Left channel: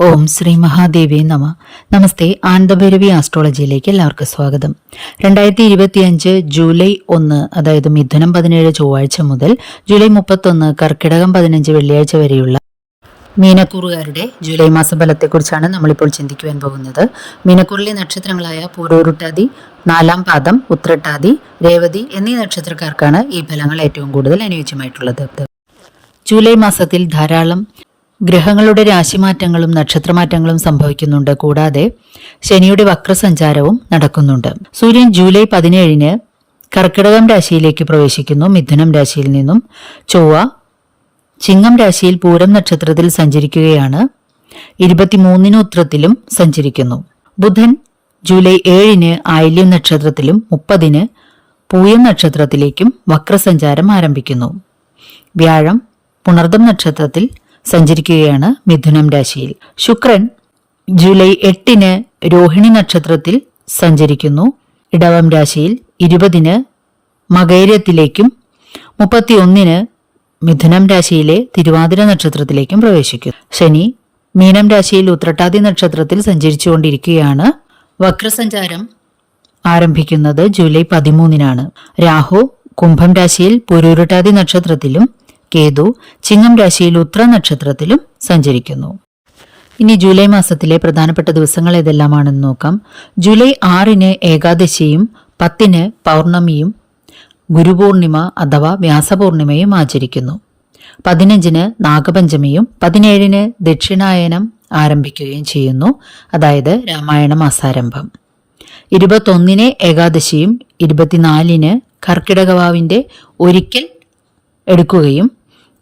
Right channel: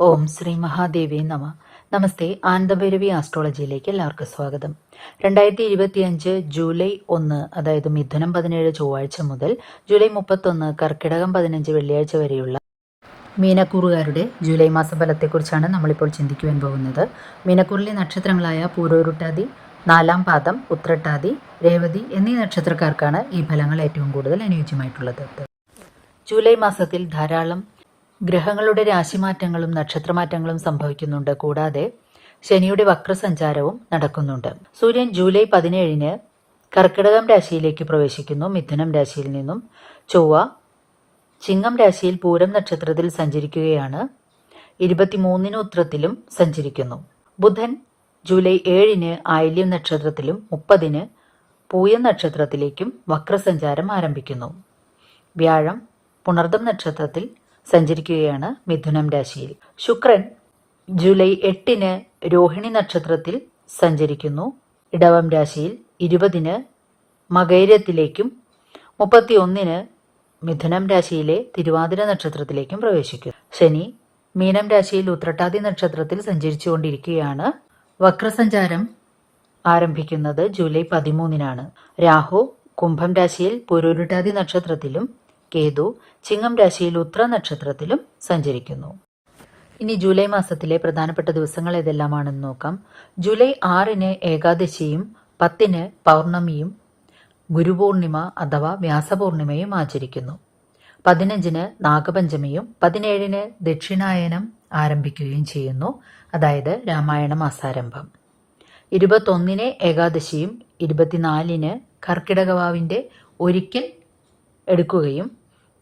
ഓം ശ്രീ മഹാദേവി നമ. നമസ്തേ. ആനന്ദഭൈരവി ആസ്ട്രോളജിയിലേക്ക് എല്ലാവർക്കും സ്വാഗതം. 2025 ജൂലൈ 1, അതായത് മിഥുനം 17 ചൊവ്വാഴ്ച മുതൽ ജൂലൈ 31 കർക്കിടകം 15 വെള്ളിയാഴ്ച വരെയുള്ള മീനക്കൂറുകാരുടെ ജൂലൈ മാസ ഫലത്തെക്കുറിച്ചാണ് നമ്മളിപ്പോൾ ചിന്തിക്കുവാൻ പോകുന്നത്. മീനക്കൂറിലെ നക്ഷത്രങ്ങളായ പൂരോരുട്ടാതി, 4-ാം പാദം, ഉത്രട്ടാതി, രേവതി എന്നീ നക്ഷത്രക്കാർക്കാണ് ഈ ഫലങ്ങൾ ഏറ്റവും കൂടുതൽ അനുയോജ്യമായിട്ടുള്ളത്. ജൂലൈ മാസത്തിൽ ധാരാളം ഗ്രഹങ്ങളുടെ രാശിമാറ്റങ്ങളും നക്ഷത്രമാറ്റങ്ങളും സംഭവിക്കുന്നുണ്ട്. കൂടാതെ ശനിയുടെ വക്രസഞ്ചാരവും നടക്കുന്നുണ്ട്. സൂര്യൻ ജൂലൈ 17 കർക്കിടകം രാശിയിലേക്ക് പ്രവേശിക്കുന്നു. മിഥുനം രാശിയിൽ നിന്നും ചൊവ്വ ചിങ്ങം രാശിയിൽ പൂരം നക്ഷത്രത്തിൽ സഞ്ചരിക്കുകയാണ്. 23 ഉത്രത്തിലും സഞ്ചരിക്കുന്നു. ബുധൻ ജൂലൈ 7 ആയില്യം നക്ഷത്രത്തിലും 30 പൂയം നക്ഷത്രത്തിലേക്കും വക്രസഞ്ചാരം ആരംഭിക്കുന്നു. വ്യാഴം പുണർദം നക്ഷത്രത്തിൽ സഞ്ചരിക്കുകയാണ് മിഥുനം രാശിയിൽ. ശുക്രൻ ജൂലൈ 8 രോഹിണി നക്ഷത്രത്തിൽ സഞ്ചരിക്കുന്നു. ഇടവം രാശിയിൽ 20 മകയിരത്തിലേക്കും 31 മിഥുനം രാശിയിലെ തിരുവാതിര നക്ഷത്രത്തിലേക്കും പ്രവേശിക്കും. ശനി മീനം രാശിയിൽ ഉത്രട്ടാതി നക്ഷത്രത്തിൽ സഞ്ചരിച്ചുകൊണ്ടിരിക്കുകയാണ്. വക്രസഞ്ചാരം ആരംഭിക്കുന്നത് ജൂലൈ 13 രാഹു കുംഭം രാശിയിൽ പൂരോരുട്ടാതി നക്ഷത്രത്തിലും കേതു ചിങ്ങം രാശിയിൽ ഉത്ര നക്ഷത്രത്തിലും സഞ്ചരിക്കുന്നു. ഇനി ജൂലൈ മാസത്തിലെ പ്രധാനപ്പെട്ട ദിവസങ്ങൾ ഏതെല്ലാമാണെന്ന് നോക്കാം. ജൂലൈ 6 ഏകാദശിയും 10 പൗർണമിയും ഗുരുപൂർണിമ അഥവാ വ്യാസപൂർണിമയും ആചരിക്കുന്നു. 15 നാഗപഞ്ചമിയും 17 ദക്ഷിണായനം ആരംഭിക്കുകയും ചെയ്യുന്നു, അതായത് രാമായണ മാസാരംഭം. 21 ഏകാദശിയും 24 കർക്കിടകവാവിന്റെ ഒരിക്കൽ എടുക്കുകയും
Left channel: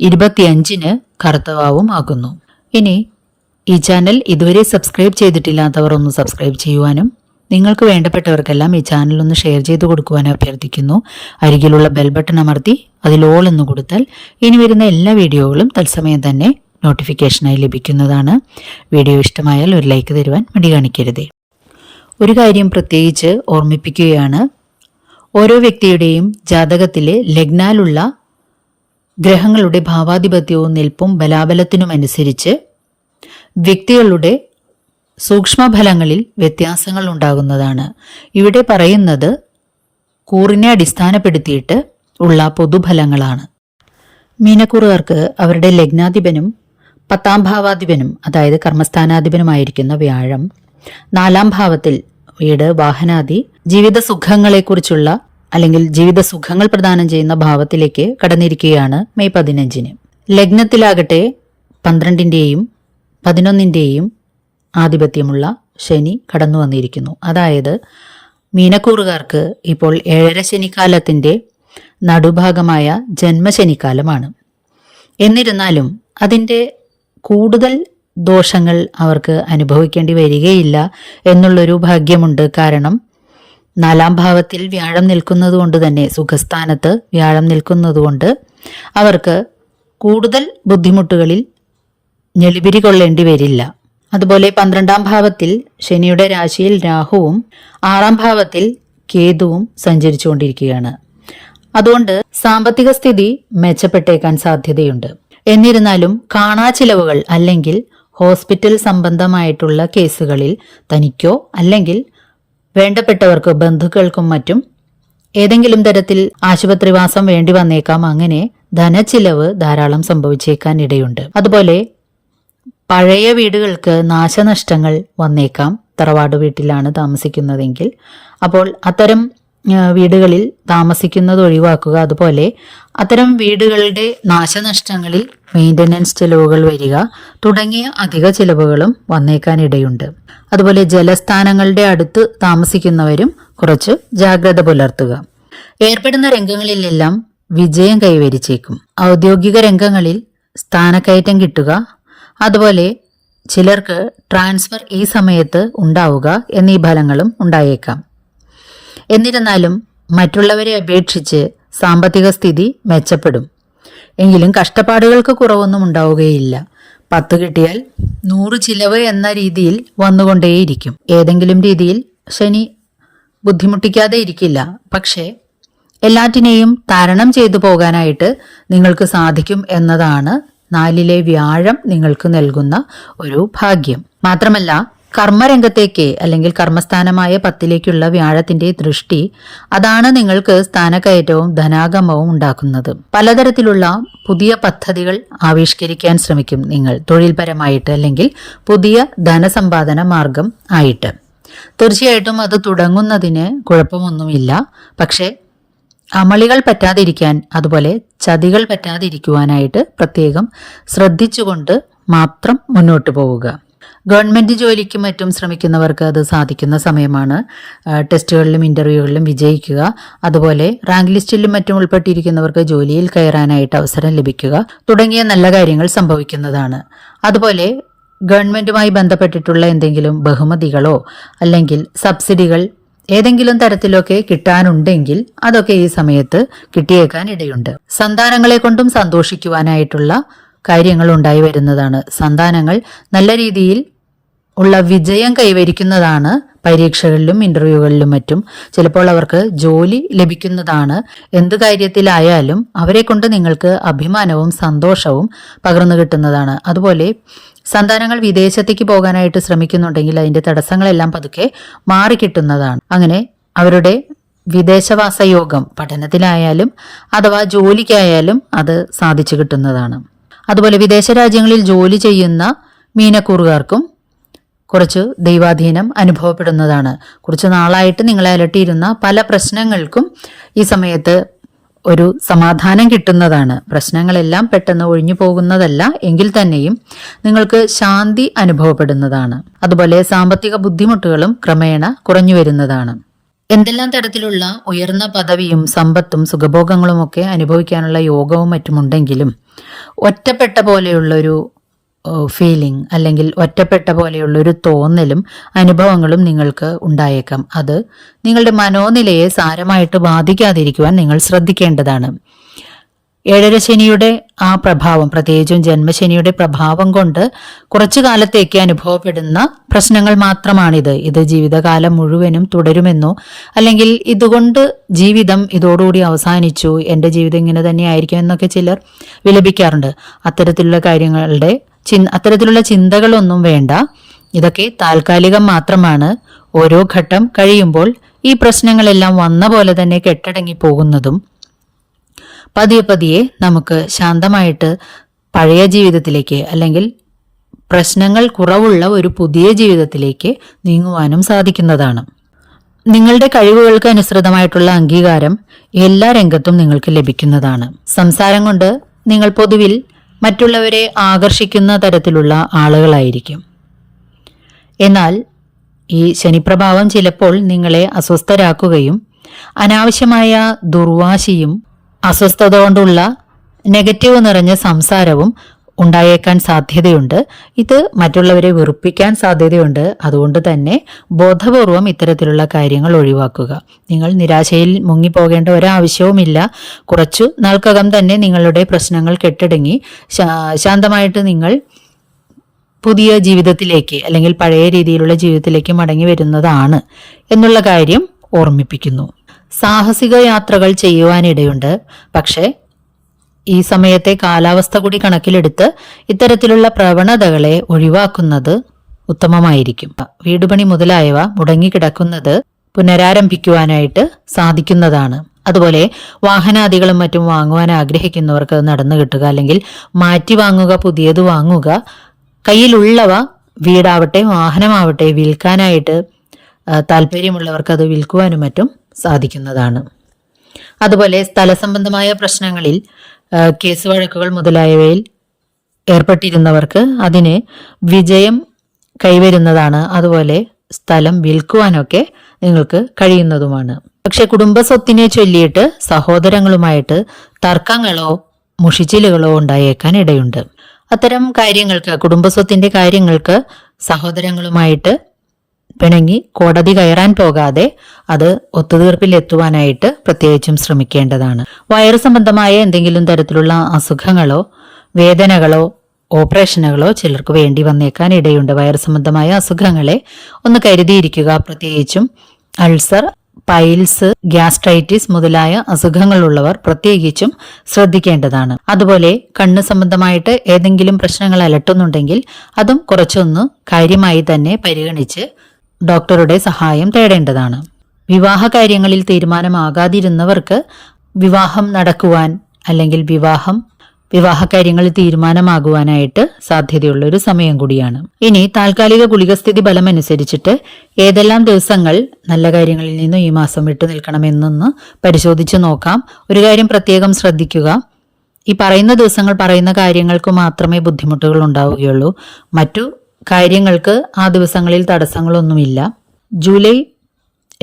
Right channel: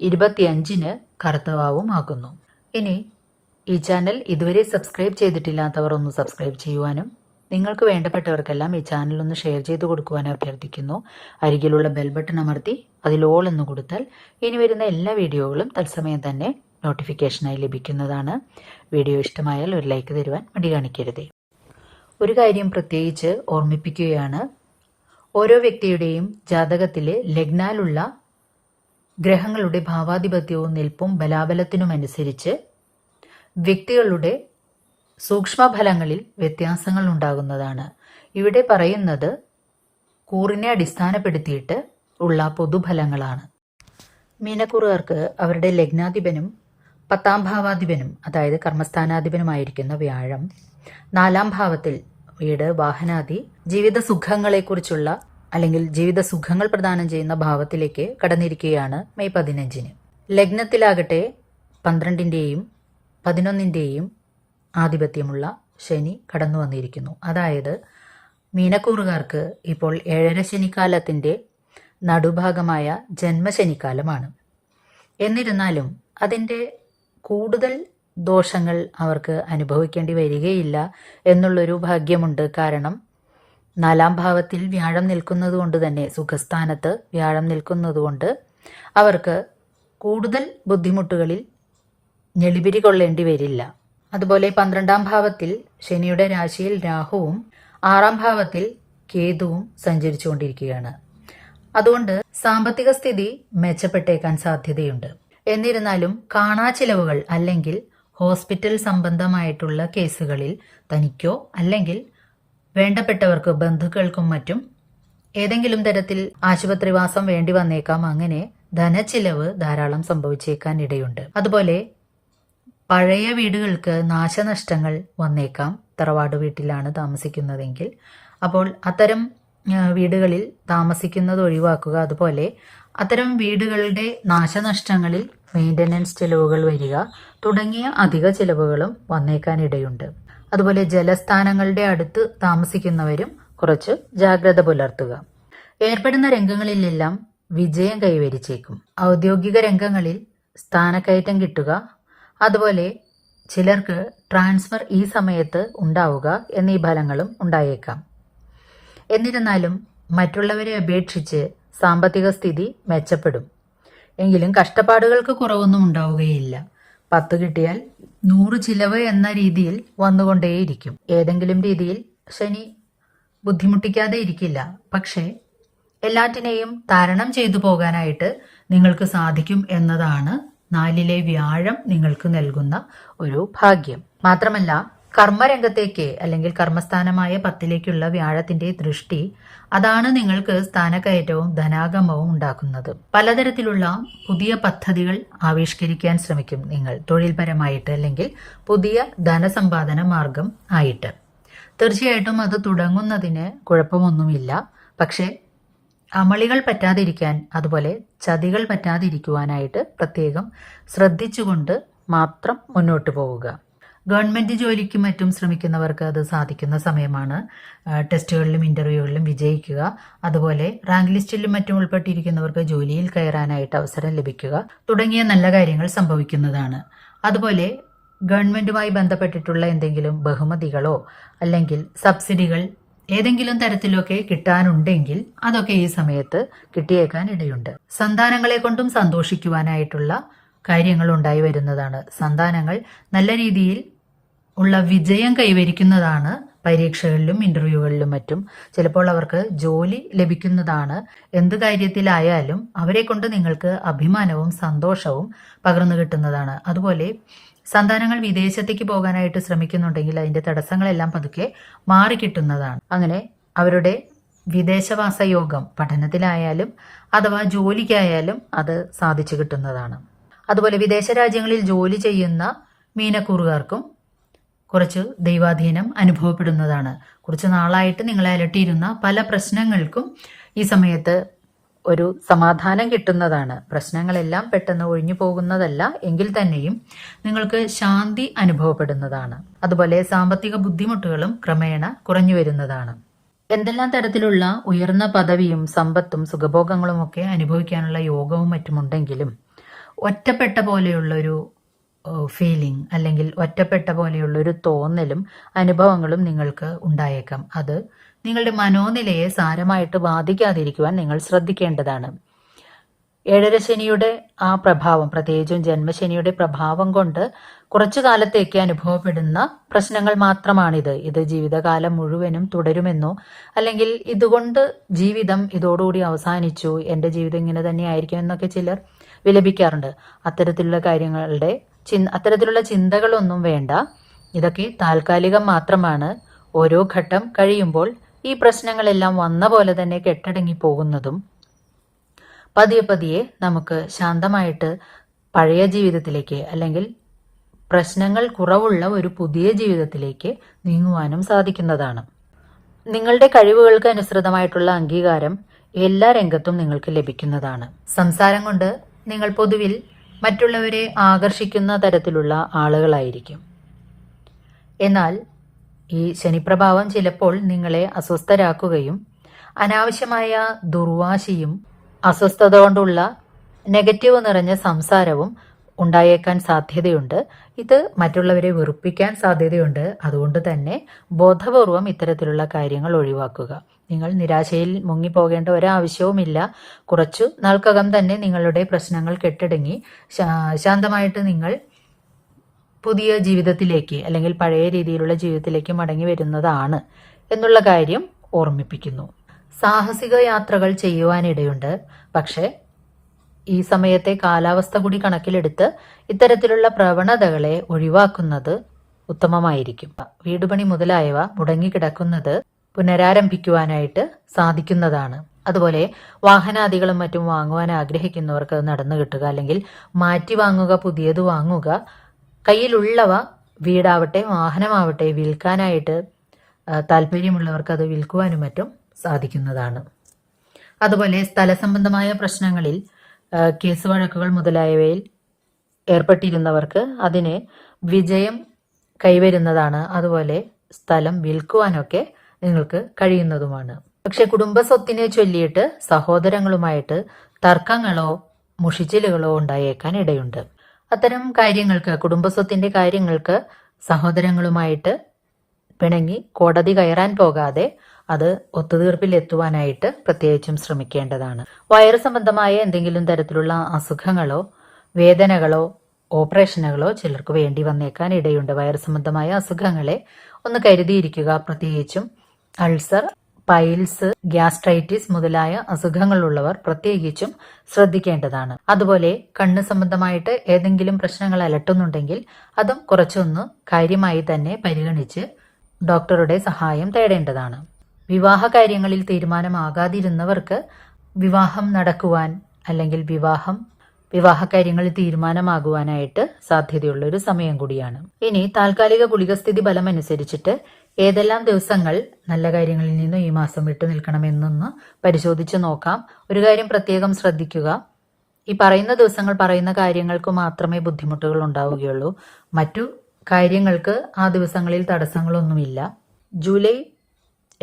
25 കറുത്തവാവും ആകുന്നു. ഇനി ഈ ചാനൽ ഇതുവരെ സബ്സ്ക്രൈബ് ചെയ്തിട്ടില്ലാത്തവർ ഒന്ന് സബ്സ്ക്രൈബ് ചെയ്യുവാനും നിങ്ങൾക്ക് വേണ്ടപ്പെട്ടവർക്കെല്ലാം ഈ ചാനൽ ഒന്ന് ഷെയർ ചെയ്ത് കൊടുക്കുവാനും അഭ്യർത്ഥിക്കുന്നു. അരികിലുള്ള ബെൽ ബട്ടൺ അമർത്തി അതിൽ ഓൾ എന്ന് കൊടുത്താൽ ഇനി വരുന്ന എല്ലാ വീഡിയോകളും തത്സമയം തന്നെ നോട്ടിഫിക്കേഷനായി ലഭിക്കുന്നതാണ്. വീഡിയോ ഇഷ്ടമായാൽ ഒരു ലൈക്ക് തരുവാൻ മടി കാണിക്കരുതേ. ഒരു കാര്യം പ്രത്യേകിച്ച് ഓർമ്മിപ്പിക്കുകയാണ്. ഓരോ വ്യക്തിയുടെയും ജാതകത്തിലെ ലഗ്നാലുള്ള ഗ്രഹങ്ങളുടെ ഭാവാധിപത്യവും നിൽപ്പും ബലാബലത്തിനുമനുസരിച്ച് വ്യക്തികളുടെ സൂക്ഷ്മഫലങ്ങളിൽ വ്യത്യാസങ്ങൾ ഉണ്ടാകുന്നതാണ്. ഇവിടെ പറയുന്നത് കൂറിനെ അടിസ്ഥാനപ്പെടുത്തിയിട്ട് ഉള്ള പൊതുഫലങ്ങളാണ്. മീനക്കൂറുകാർക്ക് അവരുടെ ലഗ്നാധിപനും 10-ാം ഭാവാധിപനും അതായത് കർമ്മസ്ഥാനാധിപനുമായിരിക്കുന്ന വ്യാഴം 4-ാം ഭാവത്തിൽ വീട്, വാഹനാദി, ജീവിത സുഖങ്ങളെക്കുറിച്ചുള്ള അല്ലെങ്കിൽ ജീവിത സുഖങ്ങൾ പ്രദാനം ചെയ്യുന്ന ഭാവത്തിലേക്ക് കടന്നിരിക്കുകയാണ് മെയ് 15. ലഗ്നത്തിലാകട്ടെ 12-ന്റെയും 11-ന്റെയും ആധിപത്യമുള്ള ശനി കടന്നു വന്നിരിക്കുന്നു. അതായത് മീനക്കൂറുകാർക്ക് ഇപ്പോൾ 7.5 ശനിക്കാലത്തിന്റെ നടുഭാഗമായ ജന്മശനിക്കാലമാണ്. എന്നിരുന്നാലും അതിൻ്റെ കൂടുതൽ ദോഷങ്ങൾ അവർക്ക് അനുഭവിക്കേണ്ടി വരികയില്ല എന്നുള്ളൊരു ഭാഗ്യമുണ്ട്. കാരണം 4-ാം ഭാവത്തിൽ വ്യാഴം നിൽക്കുന്നതുകൊണ്ട് തന്നെ, സുഖസ്ഥാനത്ത് വ്യാഴം നിൽക്കുന്നതുകൊണ്ട് അവർക്ക് കൂടുതൽ ബുദ്ധിമുട്ടുകളിൽ ഞെളിപിരി കൊള്ളേണ്ടി വരില്ല. അതുപോലെ 12-ാം ഭാവത്തിൽ ശനിയുടെ രാശിയിൽ രാഹുവും 6-ാം ഭാവത്തിൽ കേതുവും സഞ്ചരിച്ചുകൊണ്ടിരിക്കുകയാണ്. അതുകൊണ്ട് സാമ്പത്തിക സ്ഥിതി മെച്ചപ്പെട്ടേക്കാൻ സാധ്യതയുണ്ട്. എന്നിരുന്നാലും കാണാച്ചിലവുകൾ അല്ലെങ്കിൽ ഹോസ്പിറ്റൽ സംബന്ധമായിട്ടുള്ള കേസുകളിൽ തനിക്കോ അല്ലെങ്കിൽ വേണ്ടപ്പെട്ടവർക്കോ ബന്ധുക്കൾക്കും മറ്റും ഏതെങ്കിലും തരത്തിൽ ആശുപത്രിവാസം വേണ്ടി വന്നേക്കാം. അങ്ങനെ ധനച്ചിലവ് ധാരാളം സംഭവിച്ചേക്കാൻ ഇടയുണ്ട്. അതുപോലെ പഴയ വീടുകൾക്ക് നാശനഷ്ടങ്ങൾ വന്നേക്കാം. തറവാട് വീട്ടിലാണ് താമസിക്കുന്നതെങ്കിൽ അപ്പോൾ അത്തരം വീടുകളിൽ താമസിക്കുന്നത് ഒഴിവാക്കുക. അതുപോലെ അത്തരം വീടുകളുടെ നാശനഷ്ടങ്ങളിൽ മെയിൻ്റനൻസ് ചിലവുകൾ വരിക തുടങ്ങിയ അധിക ചിലവുകളും വന്നേക്കാനിടയുണ്ട്. അതുപോലെ ജലസ്ഥാനങ്ങളുടെ അടുത്ത് താമസിക്കുന്നവരും കുറച്ച് ജാഗ്രത പുലർത്തുക. ഏർപ്പെടുന്ന രംഗങ്ങളിലെല്ലാം വിജയം കൈവരിച്ചേക്കും. ഔദ്യോഗിക രംഗങ്ങളിൽ സ്ഥാനക്കയറ്റം കിട്ടുക, അതുപോലെ ചിലർക്ക് ട്രാൻസ്ഫർ ഈ സമയത്ത് ഉണ്ടാവുക എന്നീ ഫലങ്ങളും ഉണ്ടായേക്കാം. എന്നിരുന്നാലും മറ്റുള്ളവരെ അപേക്ഷിച്ച് സാമ്പത്തിക സ്ഥിതി മെച്ചപ്പെടും. എങ്കിലും കഷ്ടപ്പാടുകൾക്ക് കുറവൊന്നും ഉണ്ടാവുകയില്ല. 10 കിട്ടിയാൽ 100 ചിലവ് എന്ന രീതിയിൽ വന്നുകൊണ്ടേയിരിക്കും. ഏതെങ്കിലും രീതിയിൽ ശനി ബുദ്ധിമുട്ടിക്കാതെ ഇരിക്കില്ല. പക്ഷേ എല്ലാറ്റിനെയും തരണം ചെയ്തു പോകാനായിട്ട് നിങ്ങൾക്ക് സാധിക്കും എന്നതാണ് 4-ലെ വ്യാഴം നിങ്ങൾക്ക് നൽകുന്ന ഒരു ഭാഗ്യം. മാത്രമല്ല കർമ്മരംഗത്തേക്ക് അല്ലെങ്കിൽ കർമ്മസ്ഥാനമായ 10ലേക്കുള്ള വ്യാഴത്തിന്റെ ദൃഷ്ടി, അതാണ് നിങ്ങൾക്ക് സ്ഥാനക്കയറ്റവും ധനാഗമവും ഉണ്ടാക്കുന്നത്. പലതരത്തിലുള്ള പുതിയ പദ്ധതികൾ ആവിഷ്കരിക്കാൻ ശ്രമിക്കും നിങ്ങൾ, തൊഴിൽപരമായിട്ട് അല്ലെങ്കിൽ പുതിയ ധനസമ്പാദന മാർഗം ആയിട്ട്. തീർച്ചയായിട്ടും അത് തുടങ്ങുന്നതിന് കുഴപ്പമൊന്നുമില്ല. പക്ഷേ അമളികൾ പറ്റാതിരിക്കാൻ, അതുപോലെ ചതികൾ പറ്റാതിരിക്കുവാനായിട്ട് പ്രത്യേകം ശ്രദ്ധിച്ചുകൊണ്ട് മാത്രം മുന്നോട്ട് പോവുക. ഗവൺമെൻറ് ജോലിക്കും മറ്റും ശ്രമിക്കുന്നവർക്ക് അത് സാധിക്കുന്ന സമയമാണ്. ടെസ്റ്റുകളിലും ഇൻ്റർവ്യൂകളിലും വിജയിക്കുക, അതുപോലെ റാങ്ക് ലിസ്റ്റിലും മറ്റും ഉൾപ്പെട്ടിരിക്കുന്നവർക്ക് ജോലിയിൽ കയറാനായിട്ട് അവസരം ലഭിക്കുക തുടങ്ങിയ നല്ല കാര്യങ്ങൾ സംഭവിക്കുന്നതാണ്. അതുപോലെ ഗവൺമെൻറ്റുമായി ബന്ധപ്പെട്ടിട്ടുള്ള എന്തെങ്കിലും ബഹുമതികളോ അല്ലെങ്കിൽ സബ്സിഡികൾ ഏതെങ്കിലും തരത്തിലൊക്കെ കിട്ടാനുണ്ടെങ്കിൽ അതൊക്കെ ഈ സമയത്ത് കിട്ടിയേക്കാൻ ഇടയുണ്ട്. സന്താനങ്ങളെ കൊണ്ടും സന്തോഷിക്കുവാനായിട്ടുള്ള കാര്യങ്ങൾ ഉണ്ടായി വരുന്നതാണ്. സന്താനങ്ങൾ നല്ല രീതിയിൽ ഉള്ള വിജയം കൈവരിക്കുന്നതാണ്. പരീക്ഷകളിലും ഇൻ്റർവ്യൂകളിലും മറ്റും ചിലപ്പോൾ അവർക്ക് ജോലി ലഭിക്കുന്നതാണ്. എന്ത് കാര്യത്തിലായാലും അവരെ കൊണ്ട് നിങ്ങൾക്ക് അഭിമാനവും സന്തോഷവും പകർന്നു കിട്ടുന്നതാണ്. അതുപോലെ സന്താനങ്ങൾ വിദേശത്തേക്ക് പോകാനായിട്ട് ശ്രമിക്കുന്നുണ്ടെങ്കിൽ അതിൻ്റെ തടസ്സങ്ങളെല്ലാം പതുക്കെ മാറിക്കിട്ടുന്നതാണ്. അങ്ങനെ അവരുടെ വിദേശവാസ യോഗം പഠനത്തിലായാലും അഥവാ ജോലിക്കായാലും അത് സാധിച്ചു കിട്ടുന്നതാണ്. അതുപോലെ വിദേശ രാജ്യങ്ങളിൽ ജോലി ചെയ്യുന്ന മീനക്കൂറുകാർക്കും കുറച്ച് ദൈവാധീനം അനുഭവപ്പെടുന്നതാണ്. കുറച്ച് നാളായിട്ട് നിങ്ങളെ അലട്ടിയിരുന്ന പല പ്രശ്നങ്ങൾക്കും ഈ സമയത്ത് ഒരു സമാധാനം കിട്ടുന്നതാണ്. പ്രശ്നങ്ങളെല്ലാം പെട്ടെന്ന് ഒഴിഞ്ഞു പോകുന്നതല്ല എങ്കിൽ തന്നെയും നിങ്ങൾക്ക് ശാന്തി അനുഭവപ്പെടുന്നതാണ്. അതുപോലെ സാമ്പത്തിക ബുദ്ധിമുട്ടുകളും ക്രമേണ കുറഞ്ഞു വരുന്നതാണ്. എന്തെല്ലാം തരത്തിലുള്ള ഉയർന്ന പദവിയും സമ്പത്തും സുഖഭോഗങ്ങളുമൊക്കെ അനുഭവിക്കാനുള്ള യോഗവും മറ്റുമുണ്ടെങ്കിലും ഒറ്റപ്പെട്ട പോലെയുള്ളൊരു ഫീലിംഗ് അല്ലെങ്കിൽ ഒറ്റപ്പെട്ട പോലെയുള്ളൊരു തോന്നലും അനുഭവങ്ങളും നിങ്ങൾക്ക് ഉണ്ടായേക്കാം. അത് നിങ്ങളുടെ മനോനിലയെ സാരമായിട്ട് ബാധിക്കാതിരിക്കുവാൻ നിങ്ങൾ ശ്രദ്ധിക്കേണ്ടതാണ്. ഏഴരശനിയുടെ ആ പ്രഭാവം, പ്രത്യേകിച്ചും ജന്മശനിയുടെ പ്രഭാവം കൊണ്ട് കുറച്ചു കാലത്തേക്ക് അനുഭവപ്പെടുന്ന പ്രശ്നങ്ങൾ മാത്രമാണിത്. ഇത് ജീവിതകാലം മുഴുവനും തുടരുമെന്നോ അല്ലെങ്കിൽ ഇതുകൊണ്ട് ജീവിതം ഇതോടുകൂടി അവസാനിച്ചു, എൻ്റെ ജീവിതം ഇങ്ങനെ തന്നെ ആയിരിക്കും എന്നൊക്കെ ചിലർ വിലപിക്കാറുണ്ട്. അത്തരത്തിലുള്ള ചിന്തകളൊന്നും വേണ്ട. ഇതൊക്കെ താൽക്കാലികം മാത്രമാണ്. ഓരോ ഘട്ടം കഴിയുമ്പോൾ ഈ പ്രശ്നങ്ങളെല്ലാം വന്ന പോലെ തന്നെ കെട്ടടങ്ങി പോകുന്നതും പതിയെ പതിയെ നമുക്ക് ശാന്തമായിട്ട് പഴയ ജീവിതത്തിലേക്ക് അല്ലെങ്കിൽ പ്രശ്നങ്ങൾ കുറവുള്ള ഒരു പുതിയ ജീവിതത്തിലേക്ക് നീങ്ങുവാനും സാധിക്കുന്നതാണ്. നിങ്ങളുടെ കഴിവുകൾക്ക് അനുസൃതമായിട്ടുള്ള അംഗീകാരം എല്ലാ രംഗത്തും നിങ്ങൾക്ക് ലഭിക്കുന്നതാണ്. സംസാരം കൊണ്ട് നിങ്ങൾ പൊതുവിൽ മറ്റുള്ളവരെ ആകർഷിക്കുന്ന തരത്തിലുള്ള ആളുകളായിരിക്കും. എന്നാൽ ഈ ശനിപ്രഭാവം ചിലപ്പോൾ നിങ്ങളെ അസ്വസ്ഥരാക്കുകയും അനാവശ്യമായ ദുർവാശിയും അസ്വസ്ഥത കൊണ്ടുള്ള നെഗറ്റീവ് നിറഞ്ഞ സംസാരവും ഉണ്ടായേക്കാൻ സാധ്യതയുണ്ട്. ഇത് മറ്റുള്ളവരെ വെറുപ്പിക്കാൻ സാധ്യതയുണ്ട്. അതുകൊണ്ട് തന്നെ ബോധപൂർവം ഇത്തരത്തിലുള്ള കാര്യങ്ങൾ ഒഴിവാക്കുക. നിങ്ങൾ നിരാശയിൽ മുങ്ങിപ്പോകേണ്ട ഒരാവശ്യവുമില്ല. കുറച്ചു നാൾക്കകം തന്നെ നിങ്ങളുടെ പ്രശ്നങ്ങൾ കെട്ടടങ്ങി ശാന്തമായിട്ട് നിങ്ങൾ പുതിയ ജീവിതത്തിലേക്ക് അല്ലെങ്കിൽ പഴയ രീതിയിലുള്ള ജീവിതത്തിലേക്ക് മടങ്ങി വരുന്നതാണ് എന്നുള്ള കാര്യം ഓർമ്മിപ്പിക്കുന്നു. സാഹസിക യാത്രകൾ ചെയ്യുവാനിടയുണ്ട്. പക്ഷേ ഈ സമയത്തെ കാലാവസ്ഥ കൂടി കണക്കിലെടുത്ത് ഇത്തരത്തിലുള്ള പ്രവണതകളെ ഒഴിവാക്കുന്നത് ഉത്തമമായിരിക്കും. വീടുപണി മുതലായവ മുടങ്ങിക്കിടക്കുന്നത് പുനരാരംഭിക്കുവാനായിട്ട് സാധിക്കുന്നതാണ്. അതുപോലെ വാഹനാദികളും മറ്റും വാങ്ങുവാൻ ആഗ്രഹിക്കുന്നവർക്ക് നടന്നു കിട്ടുക, അല്ലെങ്കിൽ മാറ്റി വാങ്ങുക, പുതിയത് വാങ്ങുക. കയ്യിലുള്ളവ വീടാവട്ടെ വാഹനമാവട്ടെ വിൽക്കാനായിട്ട് താല്പര്യമുള്ളവർക്ക് അത് വിൽക്കുവാനും മറ്റും സാധിക്കുന്നതാണ്. അതുപോലെ സ്ഥലസംബന്ധമായ പ്രശ്നങ്ങളിൽ കേസ് വഴക്കുകൾ മുതലായവയിൽ ഏർപ്പെട്ടിരുന്നവർക്ക് അതിന് വിജയം കൈവരുന്നതാണ്. അതുപോലെ സ്ഥലം വിൽക്കുവാനൊക്കെ നിങ്ങൾക്ക് കഴിയുന്നതുമാണ്. പക്ഷെ കുടുംബ സ്വത്തിനെ ചൊല്ലിയിട്ട് സഹോദരങ്ങളുമായിട്ട് തർക്കങ്ങളോ മുഷിച്ചിലുകളോ ഉണ്ടായേക്കാൻ ഇടയുണ്ട്. അത്തരം കാര്യങ്ങൾക്ക്, കുടുംബസ്വത്തിന്റെ കാര്യങ്ങൾക്ക് സഹോദരങ്ങളുമായിട്ട് പിണങ്ങി കോടതി കയറാൻ പോകാതെ അത് ഒത്തുതീർപ്പിലെത്തുവാനായിട്ട് പ്രത്യേകിച്ചും ശ്രമിക്കേണ്ടതാണ്. വയറ് സംബന്ധമായ എന്തെങ്കിലും തരത്തിലുള്ള അസുഖങ്ങളോ വേദനകളോ ഓപ്പറേഷനുകളോ ചിലർക്ക് വേണ്ടി വന്നേക്കാൻ ഇടയുണ്ട്. വയറ് സംബന്ധമായ അസുഖങ്ങളെ ഒന്ന് കരുതിയിരിക്കുക. പ്രത്യേകിച്ചും അൾസർ പൈൽസ്, ഗ്യാസ്ട്രൈറ്റിസ് മുതലായ അസുഖങ്ങളുള്ളവർ പ്രത്യേകിച്ചും ശ്രദ്ധിക്കേണ്ടതാണ്. അതുപോലെ കണ്ണ് സംബന്ധമായിട്ട് ഏതെങ്കിലും പ്രശ്നങ്ങൾ അലട്ടുന്നുണ്ടെങ്കിൽ അതും കുറച്ചൊന്ന് കാര്യമായി തന്നെ പരിഗണിച്ച് ഡോക്ടറുടെ സഹായം തേടേണ്ടതാണ്. വിവാഹ കാര്യങ്ങളിൽ തീരുമാനമാകാതിരുന്നവർക്ക് വിവാഹം നടക്കുവാൻ അല്ലെങ്കിൽ വിവാഹ കാര്യങ്ങളിൽ തീരുമാനമാകുവാനായിട്ട് സാധ്യതയുള്ള ഒരു സമയം കൂടിയാണ്. ഇനി താൽക്കാലിക ഗുളികസ്ഥിതി ഫലം അനുസരിച്ചിട്ട് ഏതെല്ലാം ദിവസങ്ങൾ നല്ല കാര്യങ്ങളിൽ നിന്നും ഈ മാസം വിട്ടു നിൽക്കണമെന്നൊന്ന് പരിശോധിച്ച് നോക്കാം. ഒരു കാര്യം പ്രത്യേകം ശ്രദ്ധിക്കുക, ഈ പറയുന്ന ദിവസങ്ങൾ പറയുന്ന കാര്യങ്ങൾക്ക് മാത്രമേ ബുദ്ധിമുട്ടുകൾ ഉണ്ടാവുകയുള്ളൂ. മറ്റു കാര്യങ്ങൾക്ക് ആ ദിവസങ്ങളിൽ തടസ്സങ്ങളൊന്നുമില്ല. ജൂലൈ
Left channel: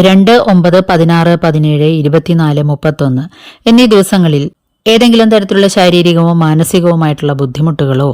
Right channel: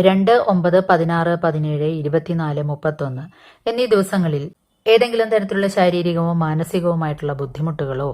2, 9, 16, 17, 24, 31 എന്നീ ദിവസങ്ങളിൽ ഏതെങ്കിലും തരത്തിലുള്ള ശാരീരികമോ മാനസികവുമായിട്ടുള്ള ബുദ്ധിമുട്ടുകളോ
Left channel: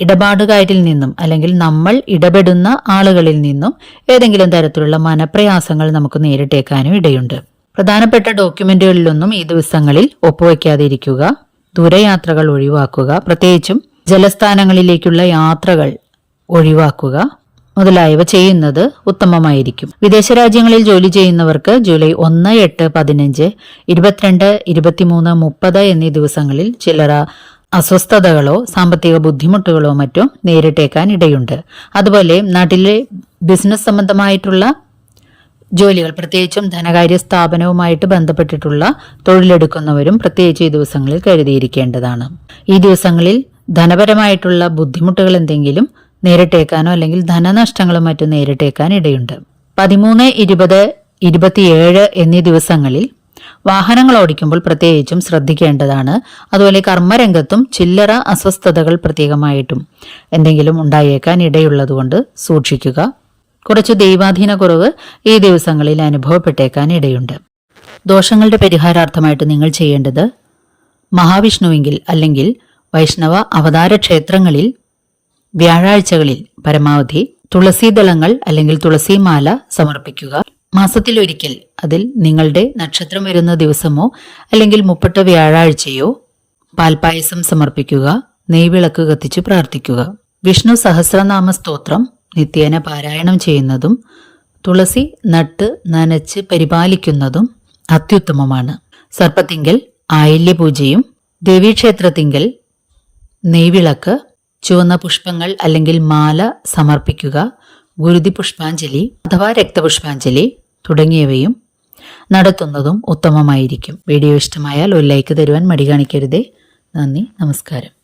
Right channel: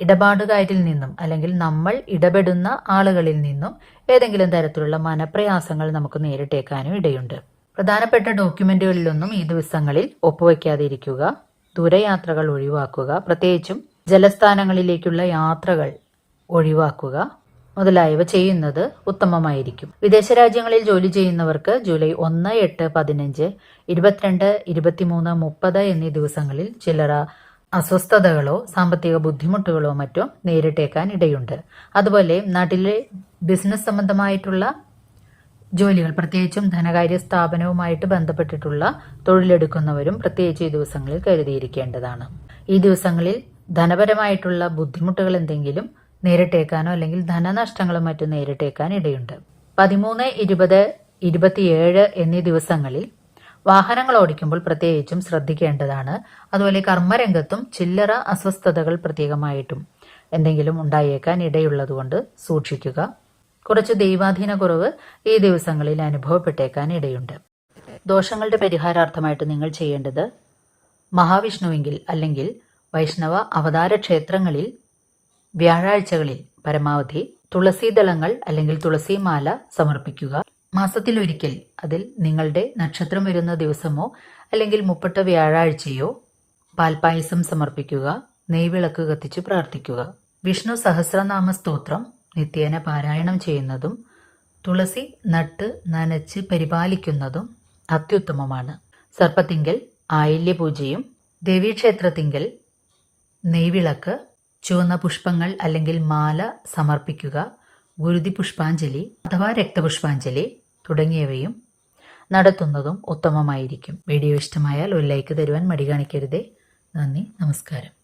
ഇടപാടുകാരിൽ നിന്നും അല്ലെങ്കിൽ നമ്മൾ ഇടപെടുന്ന ആളുകളിൽ നിന്നും ഏതെങ്കിലും തരത്തിലുള്ള മനപ്രയാസങ്ങൾ നമുക്ക് നേരിട്ടേക്കാനും ഇടയുണ്ട്. പ്രധാനപ്പെട്ട ഡോക്യുമെന്റുകളിലൊന്നും ഈ ദിവസങ്ങളിൽ ഒപ്പുവയ്ക്കാതെ ഇരിക്കുക. ദൂരയാത്രകൾ ഒഴിവാക്കുക. പ്രത്യേകിച്ചും ജലസ്ഥാനങ്ങളിലേക്കുള്ള യാത്രകൾ ഒഴിവാക്കുക മുതലായവ ചെയ്യുന്നത് ഉത്തമമായിരിക്കും. വിദേശ രാജ്യങ്ങളിൽ ജോലി ചെയ്യുന്നവർക്ക് ജൂലൈ 1, 8, 15, 22, 23, 30 എന്നീ ദിവസങ്ങളിൽ ചില്ലറ അസ്വസ്ഥതകളോ സാമ്പത്തിക ബുദ്ധിമുട്ടുകളോ മറ്റോ നേരിട്ടേക്കാൻ ഇടയുണ്ട്. അതുപോലെ നാട്ടിലെ ബിസിനസ് സംബന്ധമായിട്ടുള്ള ജോലികൾ, പ്രത്യേകിച്ചും ധനകാര്യ സ്ഥാപനവുമായിട്ട് ബന്ധപ്പെട്ടിട്ടുള്ള തൊഴിലെടുക്കുന്നവരും പ്രത്യേകിച്ച് ഈ ദിവസങ്ങളിൽ കരുതിയിരിക്കേണ്ടതാണ്. ഈ ദിവസങ്ങളിൽ ധനപരമായിട്ടുള്ള ബുദ്ധിമുട്ടുകൾ എന്തെങ്കിലും നേരിട്ടേക്കാനോ അല്ലെങ്കിൽ ധനനഷ്ടങ്ങളും മറ്റും നേരിട്ടേക്കാൻ ഇടയുണ്ട്. 13, 20, 27 എന്നീ ദിവസങ്ങളിൽ വാഹനങ്ങൾ ഓടിക്കുമ്പോൾ പ്രത്യേകിച്ചും ശ്രദ്ധിക്കേണ്ടതാണ്. അതുപോലെ കർമ്മരംഗത്തും ചില്ലറ അസ്വസ്ഥതകൾ പ്രത്യേകമായിട്ടും എന്തെങ്കിലും ഉണ്ടായേക്കാൻ ഇടയുള്ളതുകൊണ്ട് സൂക്ഷിക്കുക. കുറച്ച് ദൈവാധീന കുറവ് ഈ ദിവസങ്ങളിൽ അനുഭവപ്പെട്ടേക്കാൻ ഇടയുണ്ട്. ദോഷങ്ങളുടെ പരിഹാരാർത്ഥമായിട്ട് നിങ്ങൾ ചെയ്യേണ്ടത് മഹാവിഷ്ണുവെങ്കിൽ അല്ലെങ്കിൽ വൈഷ്ണവ അവതാര ക്ഷേത്രങ്ങളിൽ വ്യാഴാഴ്ചകളിൽ പരമാവധി തുളസീദളങ്ങൾ അല്ലെങ്കിൽ തുളസിമാല സമർപ്പിക്കുക. മാസത്തിലൊരിക്കൽ, അതിൽ നിങ്ങളുടെ നക്ഷത്രം വരുന്ന ദിവസമോ അല്ലെങ്കിൽ 30 വ്യാഴാഴ്ചയോ പാൽപായസം സമർപ്പിക്കുക. നെയ്വിളക്ക് കത്തിച്ച് പ്രാർത്ഥിക്കുക. വിഷ്ണു സഹസ്രനാമ സ്തോത്രം നിത്യേന പാരായണം ചെയ്യുന്നതും തുളസി നട്ട് നനച്ച് പരിപാലിക്കുന്നതും അത്യുത്തമമാണ്. സർപ്പത്തിങ്കൽ ആയില്യപൂജയും ദേവീക്ഷേത്രത്തിങ്കൽ നെയ്വിളക്ക്, ചുവന്ന പുഷ്പങ്ങൾ അല്ലെങ്കിൽ മാല സമർപ്പിക്കുക. ഗുരുതി പുഷ്പാഞ്ജലി അഥവാ രക്തപുഷ്പാഞ്ജലി തുടങ്ങിയവയും നടത്തുന്നതും ഉത്തമമായിരിക്കും. വീഡിയോ ഇഷ്ടമായാൽ ഒരു ലൈക്ക് തരുവാൻ മടി കാണിക്കരുതേ. നന്ദി, നമസ്കാരം.